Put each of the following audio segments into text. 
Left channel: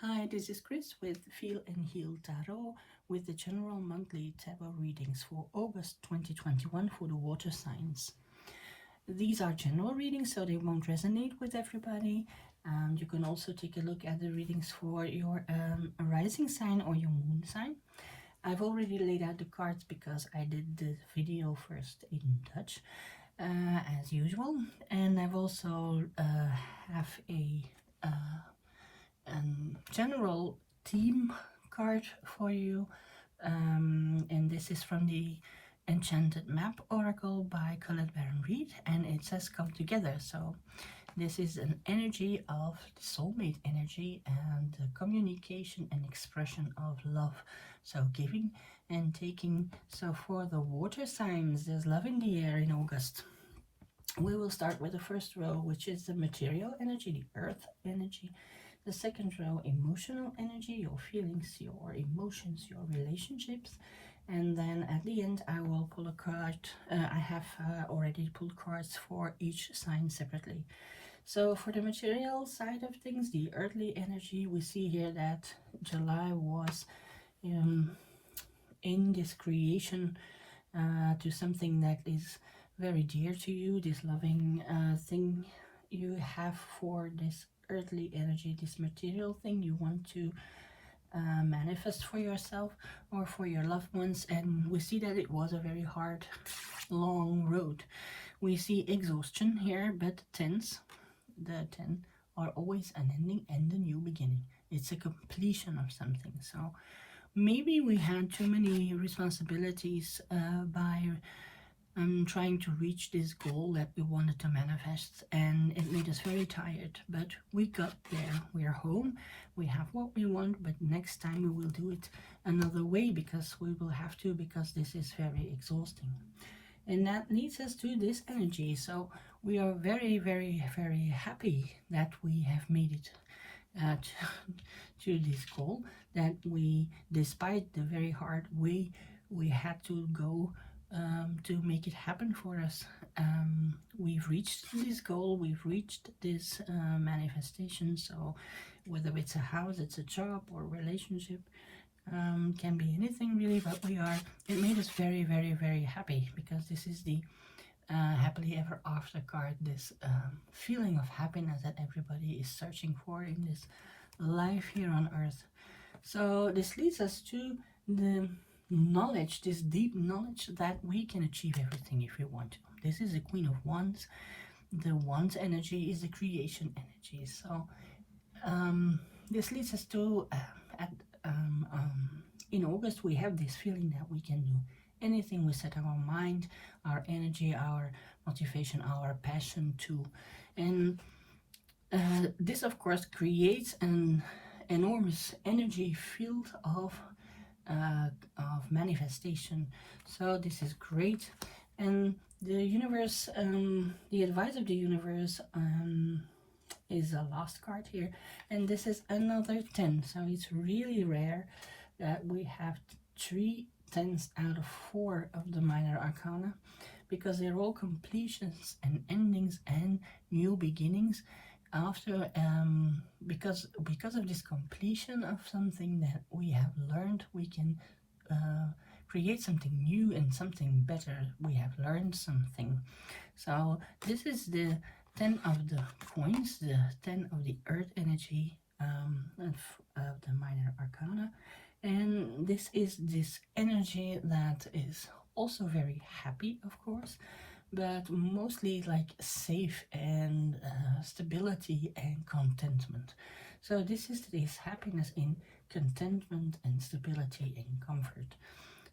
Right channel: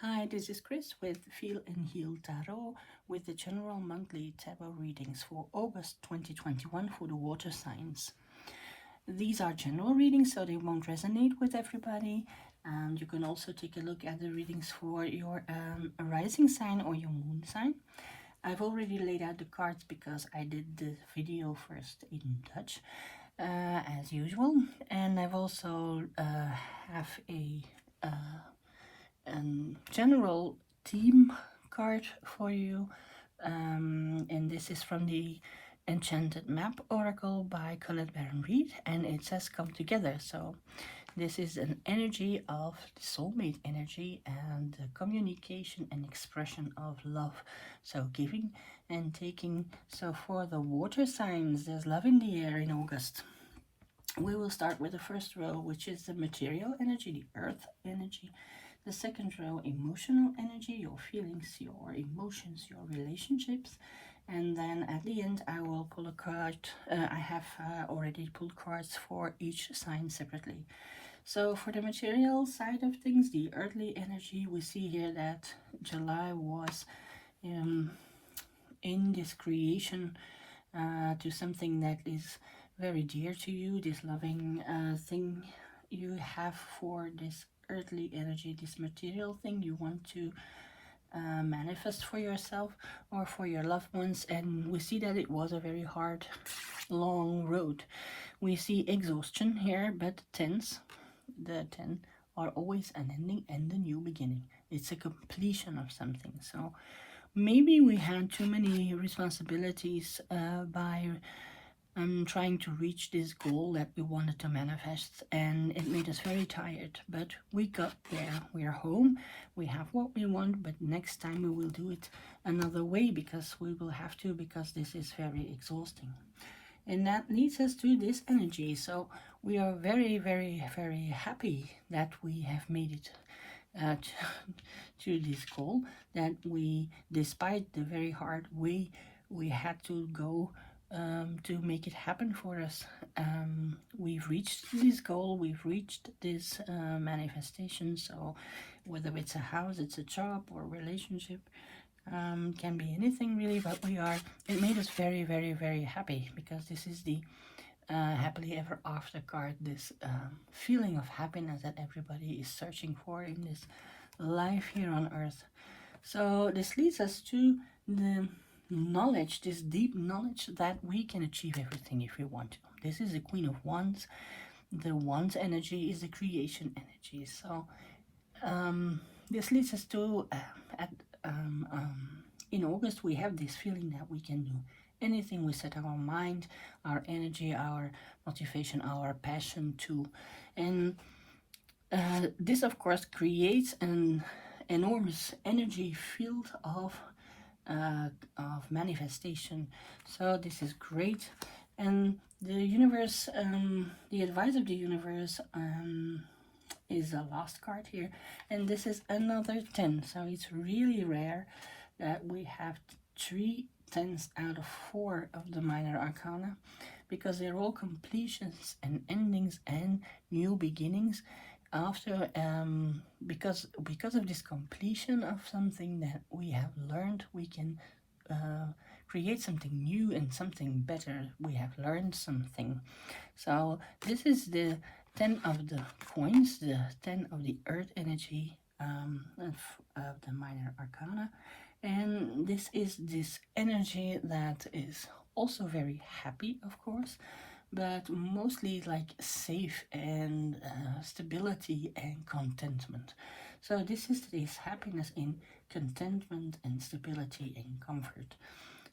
Hi, this is Kris with Feel and Heal Tarot with the general monthly tarot readings for August 2021 for the water signs. These are general readings, so they won't resonate with everybody. And you can also take a look at the readings for your rising sign or your moon sign. I've already laid out the cards because I did the video first in Dutch, as usual. And I've also have uh, general theme card for you, and this is from the Enchanted Map Oracle by Colette Baron Reed, and it says come together. So this is an energy of soulmate energy and communication and expression of love, so giving and taking. So for the water signs, there's love in the air in August. We will start with the first row, which is the material energy, the earth energy. The second row, emotional energy, your feelings, your emotions, your relationships. And then at the end, I will pull a card. I have already pulled cards for each sign separately. So for the material side of things, the earthly energy, we see here that July was in this creation to something that is very dear to you, this loving thing you have for this earthly energy, this material thing you want to manifest for yourself or for your loved ones. And we see that it was a very hard, long road. We see exhaustion here, but tens, the 10 are always an ending and a new beginning. It's a completion of something. So maybe we had too many responsibilities by trying to reach this goal that we wanted to manifest, and it made us very tired, but we got there. We are home, we have what we want, but next time we will do it another way, because we will have to, because this is very exhausting. And that leads us to this energy. So we are very, very, very happy that we have made it to this goal, that we, despite the very hard way we had to go to make it happen for us, we've reached this goal, we've reached this manifestation. So whether it's a house, it's a job, or relationship, can be anything really, what we are, it made us very, very, very happy, because this is the happily ever after card, this feeling of happiness that everybody is searching for in this life here on earth. So this leads us to the knowledge, this deep knowledge that we can achieve everything if we want to. This is the Queen of Wands. The Wands energy is the creation energy. So this leads us to in August we have this feeling that we can do anything we set our mind, our energy, our motivation, our passion to. And this of course creates an enormous energy field of manifestation. So this is great. And the universe, the advice of the universe is the last card here, and this is another 10. So it's really rare that we have 3 10s out of 4 of the minor arcana, because they're all completions and endings and new beginnings after because of this completion of something that we have learned, we can create something new and something better. We have learned something. So this is the 10 of the coins, the 10 of the earth energy of the minor arcana. And this is this energy that is also very happy, of course, but mostly like safe and stability and contentment. So this is this happiness in contentment and stability and comfort.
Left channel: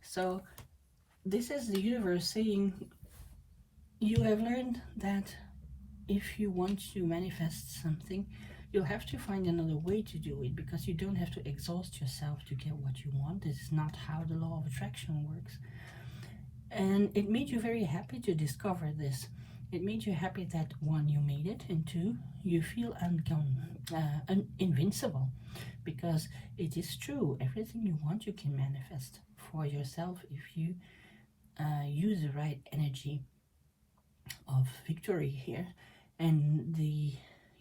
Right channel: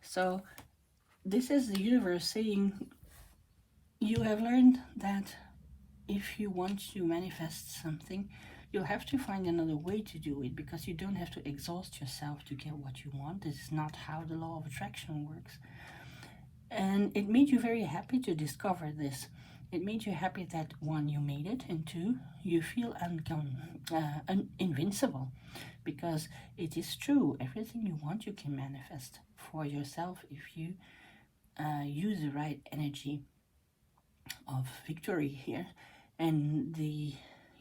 So this is the universe saying, you have learned that if you want to manifest something, you'll have to find another way to do it, because you don't have to exhaust yourself to get what you want. This is not how the law of attraction works. And it made you very happy to discover this. It made you happy that 1, you made it, and 2, you feel invincible, because it is true. Everything you want, you can manifest for yourself if you use the right energy of victory here. And the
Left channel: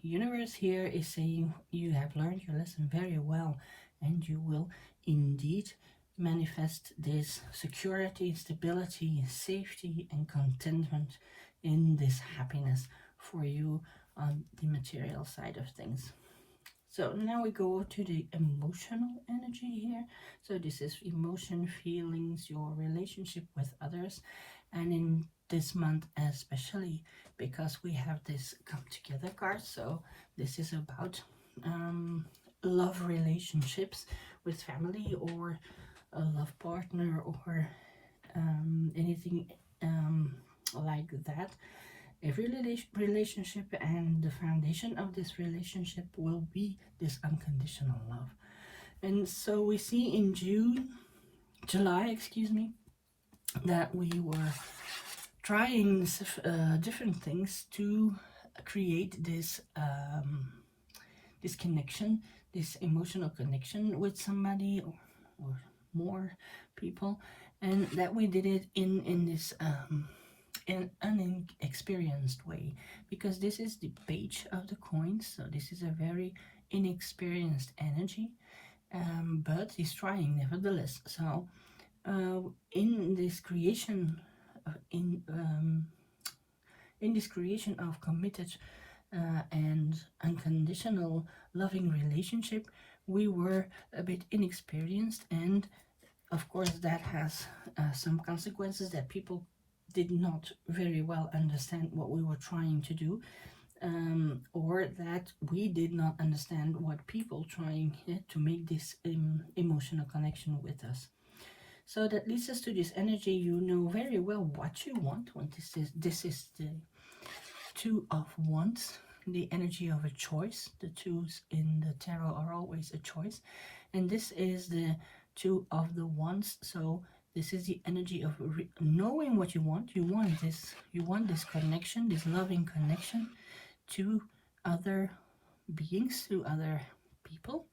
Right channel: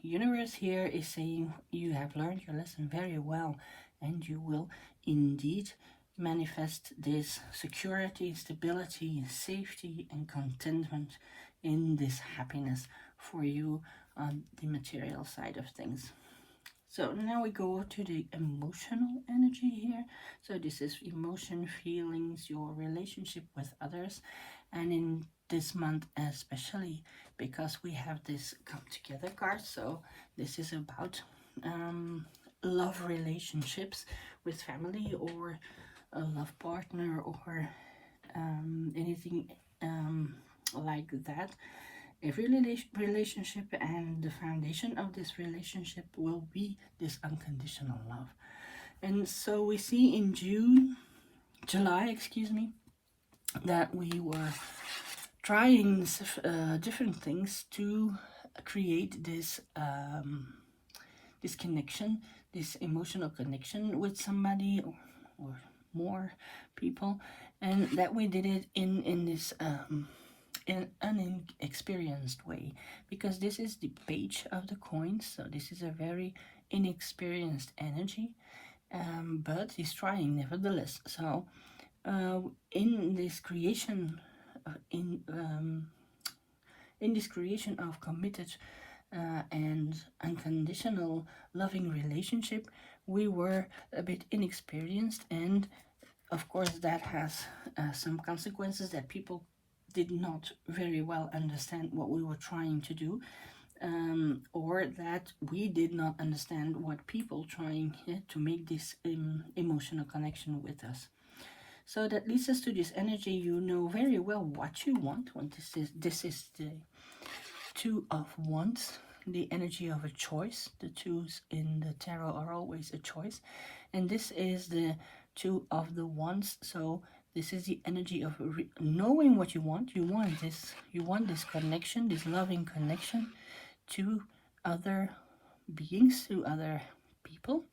universe here is saying you have learned your lesson very well, and you will indeed manifest this security, stability, safety, and contentment in this happiness for you on the material side of things. So now we go to the emotional energy here. So this is emotion, feelings, your relationship with others. And in this month especially, because we have this come together card, so this is about love relationships with family or a love partner or anything like that. Every relationship, and the foundation of this relationship will be this unconditional love. And so we see in July, excuse me, that we were trying different things to create this this connection, this emotional connection with somebody or more people, and that we did it in this in an inexperienced way, because this is the page of the coins, so this is a very inexperienced energy, but he's trying nevertheless. So in this creation in this creation of committed and unconditional loving relationship, we were a bit inexperienced, and of course that has some consequences, that people did not very well understand what we were trying to do, or that we did not understand what people trying to make this emotional connection with us. So that leads us to this energy. You know very well what you want. This is the Two of Wands, the energy of a choice. The twos in the tarot are always a choice, and this is the Two of the Wands. So this is the energy of knowing what you want. You want this connection, this loving connection to other beings, to other people,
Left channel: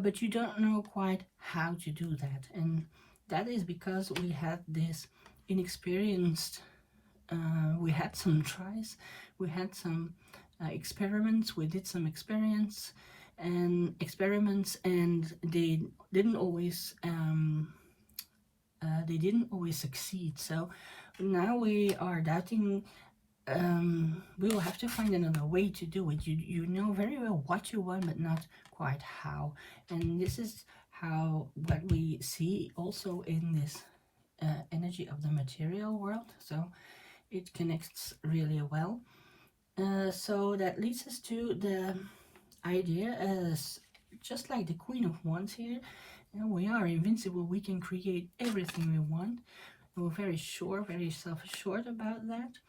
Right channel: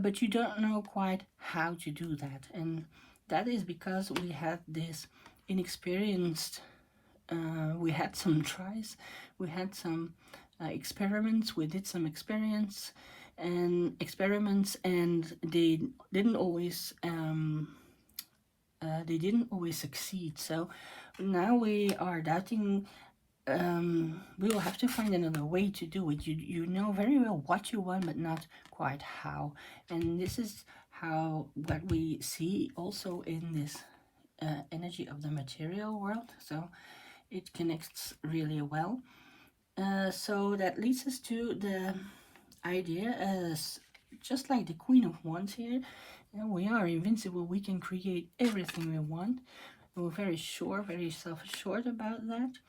but you don't know quite how to do that. And that is because we had this inexperienced, we had some tries, we had some experiments, we did some experiments, and they didn't always succeed. So now we are doubting. We will have to find another way to do it. You know very well what you want, but not quite how. And this is how what we see also in this energy of the material world. So it connects really well. So that leads us to the idea as just like the Queen of Wands here, and we are invincible. We can create everything we want. We're very sure, very self-assured about that.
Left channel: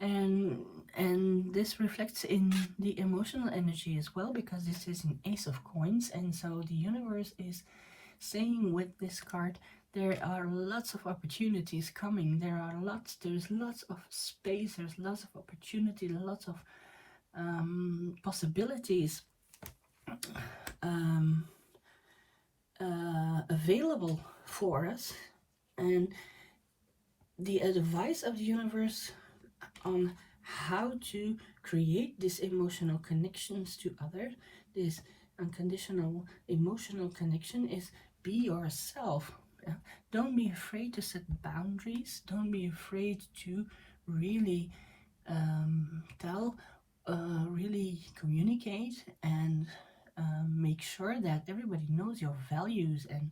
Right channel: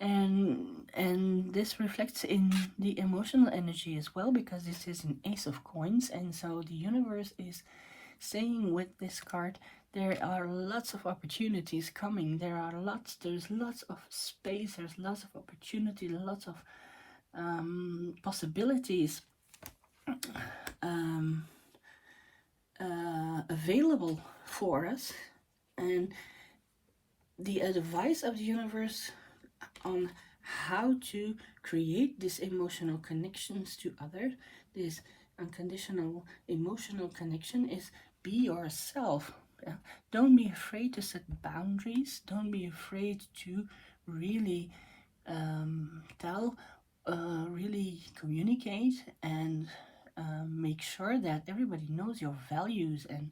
And this reflects in the emotional energy as well, because this is an Ace of Coins, and so the universe is saying with this card, there are lots of opportunities coming. There's lots of space, there's lots of opportunity, lots of possibilities available for us. And the advice of the universe on how to create these emotional connections to others, this unconditional emotional connection, is be yourself. Don't be afraid to set boundaries. Don't be afraid to really tell, really communicate, and make sure that everybody knows your values and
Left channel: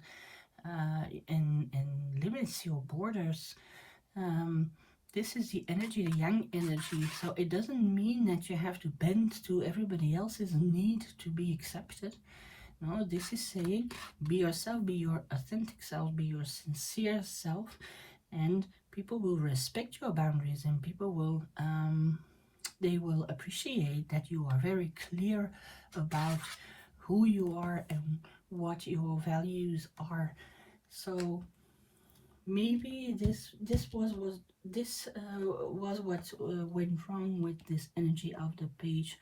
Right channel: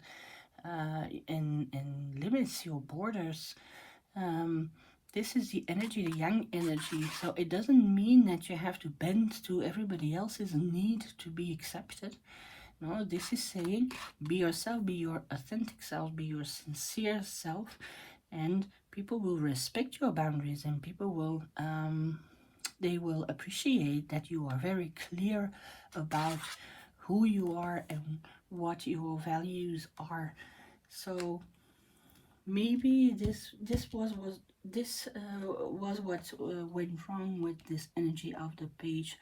limits your borders. This is the energy, the yang energy. So it doesn't mean that you have to bend to everybody else's need to be accepted. No, this is saying be yourself, be your authentic self, be your sincere self, and people will respect your boundaries, and people will they will appreciate that you are very clear about who you are and what your values are. So maybe this was what went wrong with this energy of the Page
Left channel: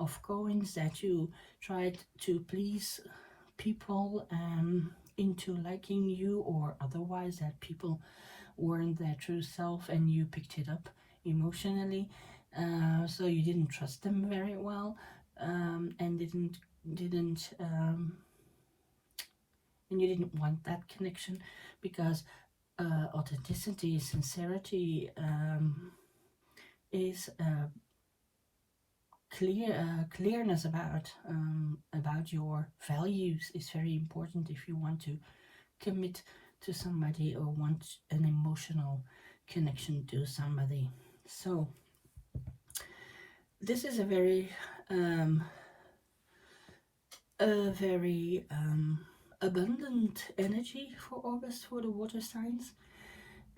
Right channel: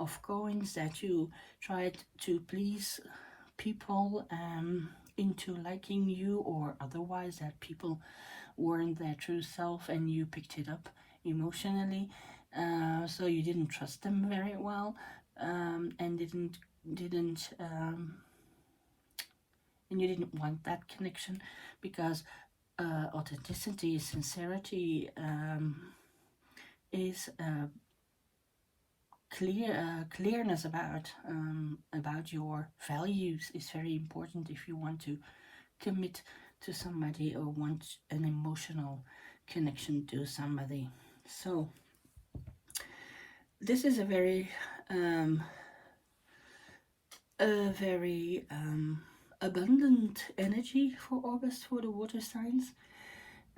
of Coins, that you tried to please people into liking you, or otherwise that people weren't their true self and you picked it up emotionally. So you didn't trust them very well, and didn't and you didn't want that connection because authenticity, sincerity, is clearness about your values is very important if you want to commit to somebody or want an emotional connection to somebody. So this is um, a very abundant energy for August for the water signs,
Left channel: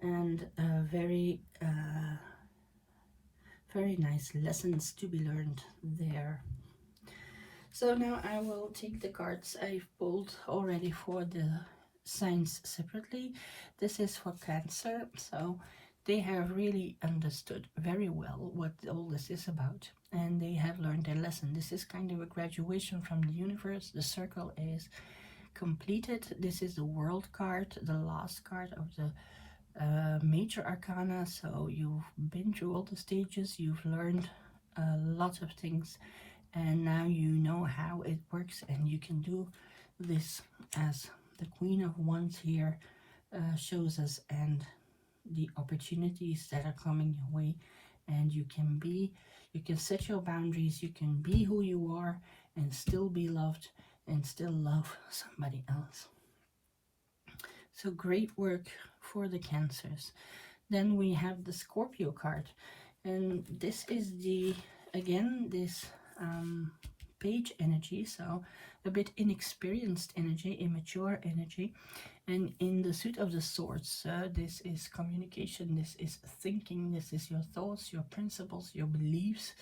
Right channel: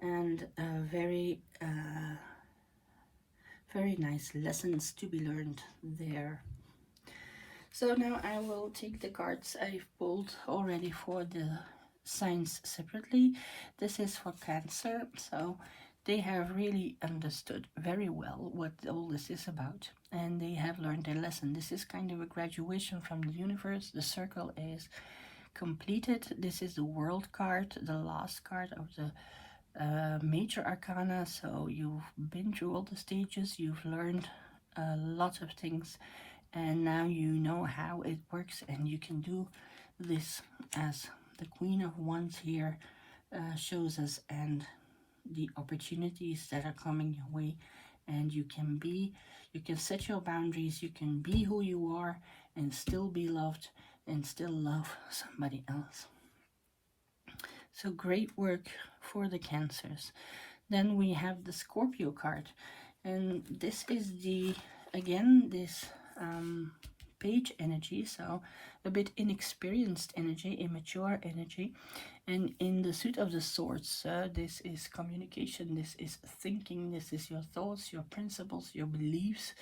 and very nice lessons to be learned there. So now I will take the cards I've pulled already for the signs separately. This is for Cancer, so they have really understood very well what all this is about, and they have learned their lesson. This is kind of a graduation from the universe. The circle is completed. This is the World card, the last card of the major arcana. So you've been through all the stages, you've learned a lot of things, and now you know how it works, and you can do this as the Queen of Wands here shows us, and the opportunities that are coming your way. And you can set your boundaries, you can be who you are and still be loved and still love somebody else. So great work for the Cancers. Then we have the Scorpio card, and this is this page energy, so a bit inexperienced energy, immature energy. And in the suit of the swords, this is communication, this is thinking, this is your thoughts, your principles, your beliefs,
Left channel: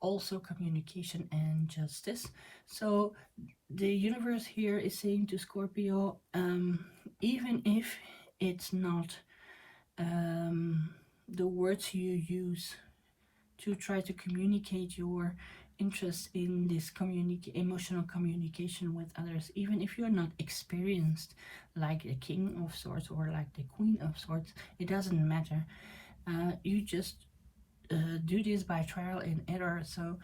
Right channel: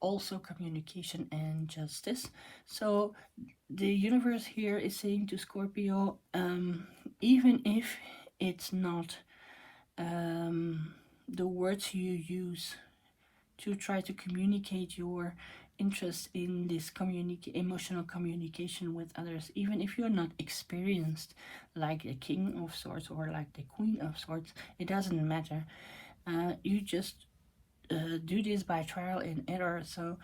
also communication and justice. So the universe here is saying to Scorpio, even if it's not the words you use to try to communicate your interest in this emotional communication with others, even if you're not experienced like the King of Swords or like the Queen of Swords, it doesn't matter. You just do this by trial and error. So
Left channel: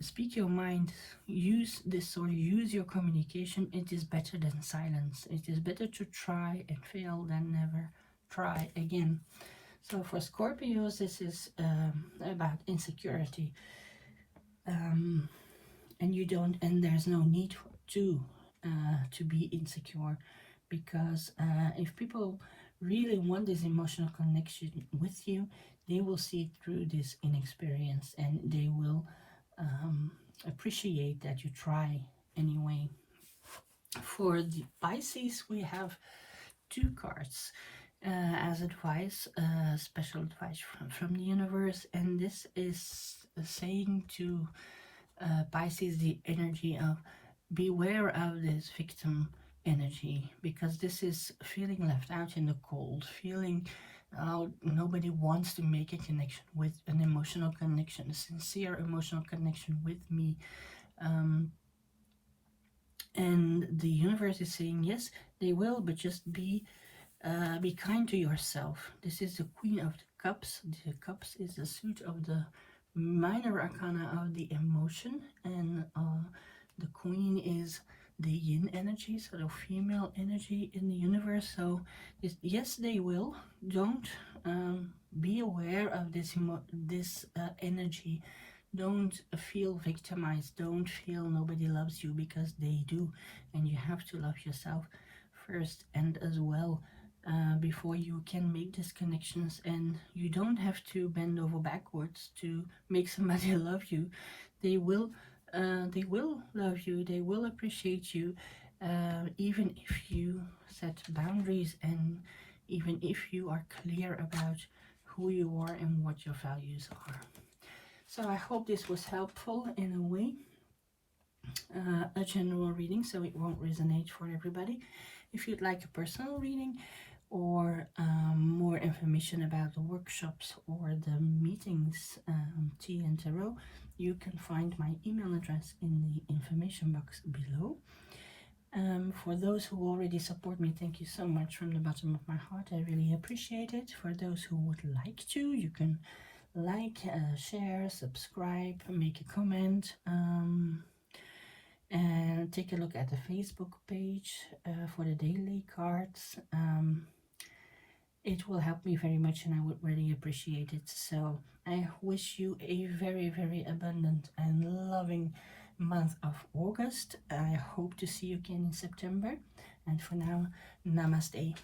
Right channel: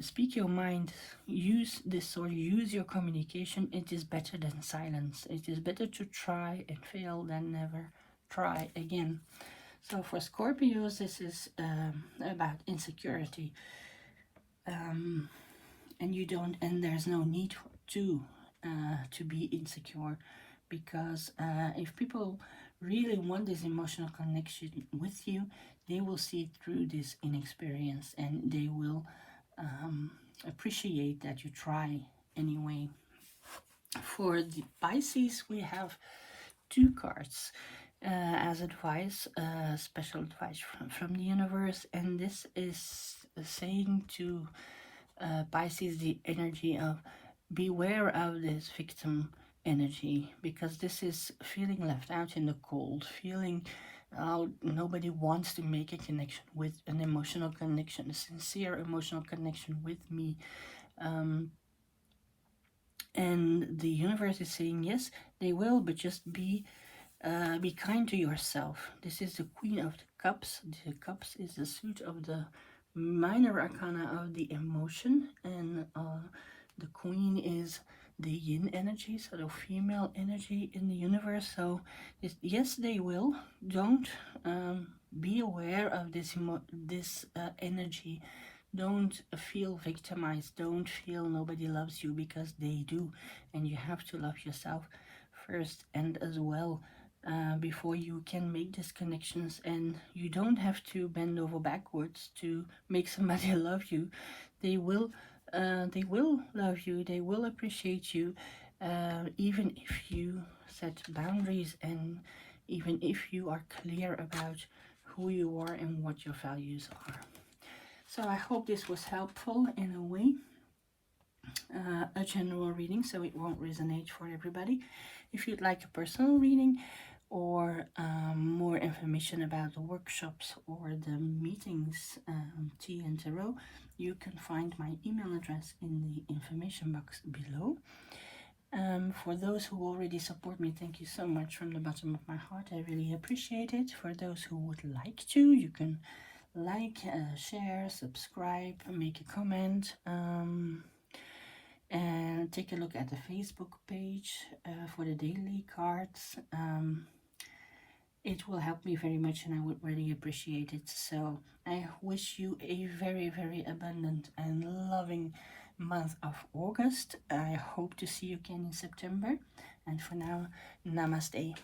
speak your mind, use this, or use your communication. It is better than silence. It is better to try and fail than never try again. So for Scorpios, this is about insecurity, and there's no need to be insecure, because if people really want this emotional connection with you, they will see through this inexperience, and they will appreciate that you try anyway. For the Pisces, we have two cards as advice, special advice from the universe, and this is saying to Pisces the energy of beware of this victim energy, because this is feeling left out in the cold, feeling nobody wants to make a connection with an emotional connection, a sincere emotional connection with me. And the universe is saying yes, they will, but just be kind to yourself. This is the Queen of the Cups. The Cups is the suit of the minor arcana of the emotion, and the Queen is the yin energy, so the female energy in the universe. So yes, they will. Don't be aware of this energy. Don't feel victimized. Don't feel nobody loves you, because they do, and you have to love yourself first and as well. Before you can make these connections, and you don't have to bend over backwards to make somebody love you. They will love you, they will appreciate you, even if you set boundaries, and even if you are clear about who you are and what your values are. So I hope this was helpful in a way. A general reading, so it won't resonate for everybody. If you'd like a personal reading, or more information about the workshops or the meetings, Tea and Tarot, you can find my email address in the information box below. For those who already support me, thank you so much from the bottom of my heart. I really appreciate it. For those who would like to, you can like, share, subscribe, make a comment, and take a look at the Facebook page for the daily cards. It will help me very much and I would really appreciate it. So I wish you a very, very abundant and loving month of August. I hope to see you again in September. And for now, namaste.